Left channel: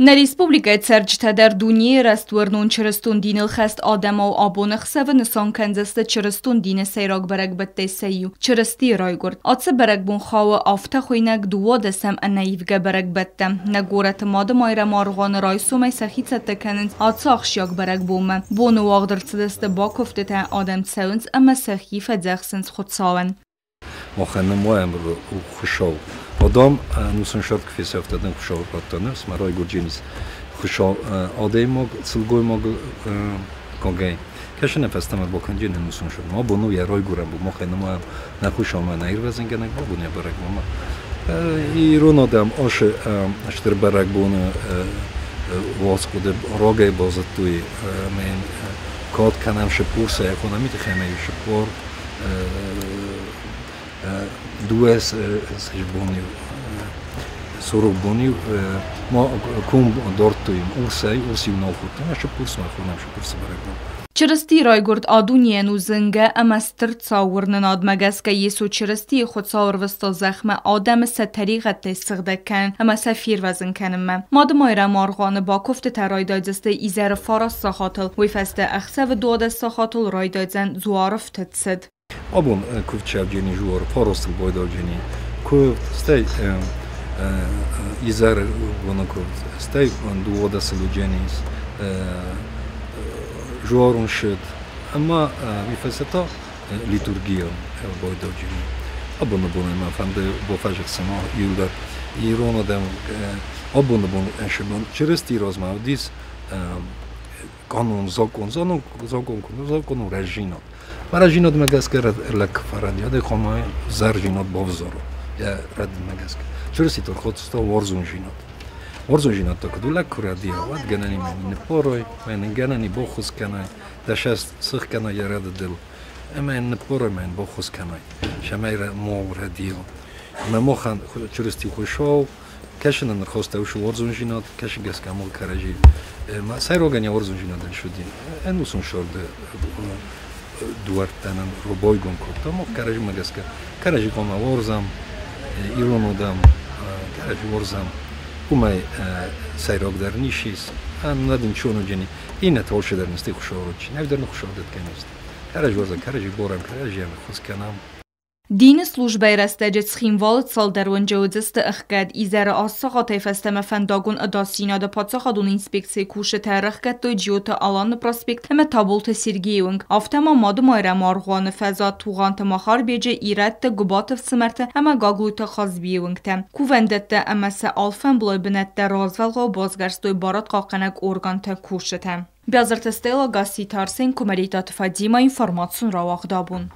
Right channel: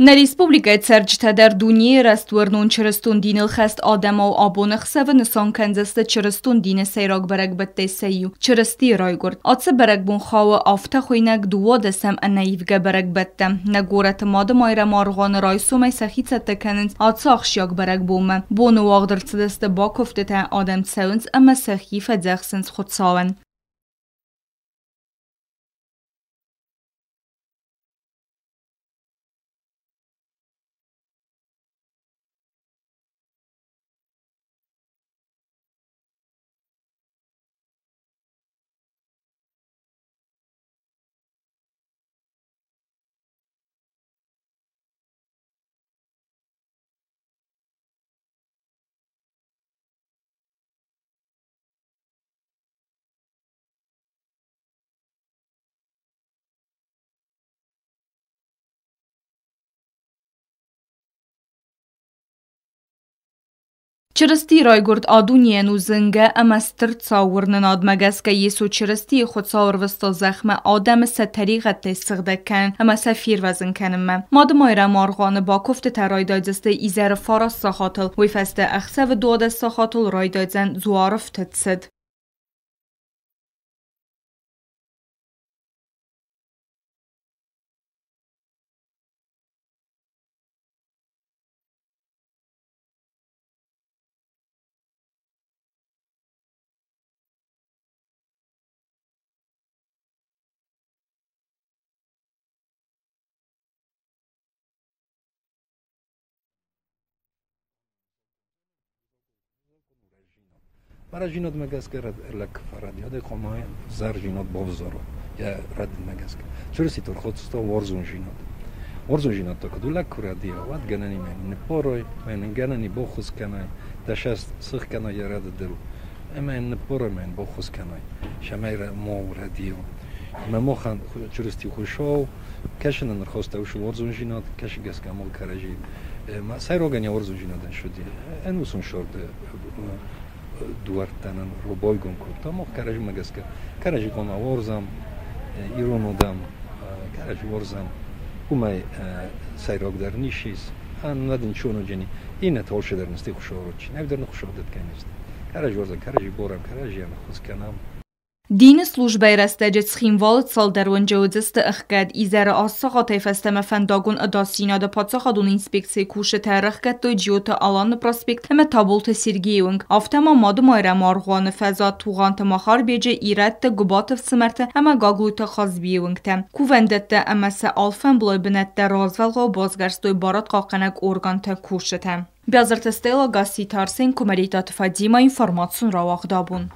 На республикой Церчтадер Дуни растворнун черестун динил хест Адама و آبون خسو نسان کنزست چرستون دین سیراگ برگ بته سیو چرستی رای گرد آتس برگ بون خواو آفته خوینک دوا دسم انیفگه برگ بته نگورت ماده مایره مارغان رای سومی سخیت تکنند آتس آخشیاگ برگ بومه بونو واغدر چدست با کفته تا آدم تسونز اما سخیف دخسنز خود ساون مخنم وایم رو خوشاو آدم نوسن شد که فیس افتادن خوشاور پاتانه سمرای گرجینیس خوشاو آدم مگ سلگوی مگ کانگی کشن نفستم با کنجی نوسن شد ما بونو یه رای گرم بود مخنم وایم نخوشام من ایر وزن گنگ با بونی برگ ماما ایران آدم آش اشتر برگ بونه واس خود راگه بازد توی من کات کنم شپورسه اکونومی تخمه شپور دوست سجبونی سرو بونی ما کم دارتیم ارسی ناخودیم اشتر پورس ما خونم اشتر پورس برای چرستی رای گرد آدونیه نوزنگه اما سترد ساور نناد مگس که یسو چرستی خود ساور وستا زخم آدم سه طریقت تستغده کن اما سفیر وزن کنم ماد مایره مارغان با کفت ترای دایدسته ایزر فارس ساخاتل ویفسته اخسه و دود ساخاتل رای دایدزن زوارف تدسد آبون کفت شبجینی جوار فارستل بایداجینی کفت ستی ایزر بنا کفت ستی دود سلوجینیز جوارون شد اما میفسته لیتورگیا بایداجینی آبون ما فهمده با فجر سما یودار ایران آدم آبون انشبان چرستی راز ما دیس قانون زاکون رژینات و رژینات مگسکر لک فرادیاد خمای زرجینات بافزارو یا رد مگسکر چرستی تو خود ستا وارزون جینات ورزون جینات تو کدو لک کردی وقت گنانی من نپاروی من گنانی با خوش کنای دشست سخ کنای رد دل اما نپاره من با خوش کنای شمایر مور هدیو ما خان چرستی خوشاو کشن نخواسته وش ورزون جینات کشن گس کامل کارجی ما سایروگانی ورزون جینات شدی انوسون شورد دوار تنم روبای گم کرد اما کارجی مگس کارجی کام ورزم ایران آدم کارجی ورزم کومای سایروگ در نیشیس ندیم چونو جنی این نتوشه در نستی خوشاورد چی نمیدارن خوشاورد کنیست کارجی ورزم کارجی بارم کارجی هم خوش کنم دین службай растеджет схимвалт сал дарванджаудзест اخگد ایزر آساقا تیفستم فنداگون اداسینا دا پاتساقادون інспекції куше ترخگد دوی جیوتا آلان پراسپکت همه تابولت سیرگیونگ آفتما مادو مایره مارغوان فضا توغانت مخار بیجه ایرد تا گبات فسمرت همه گاگلویتا خاز بیونگ تم کووندت تا اما سه آلفن بلوی بنت تا رازولغا و بازگرست دوی بارات قاقنگ ارگان تا کوشه تم بیازرت استیلا گاسی تارسین کمریتات فادیما اینفورماتسون را واقع دابون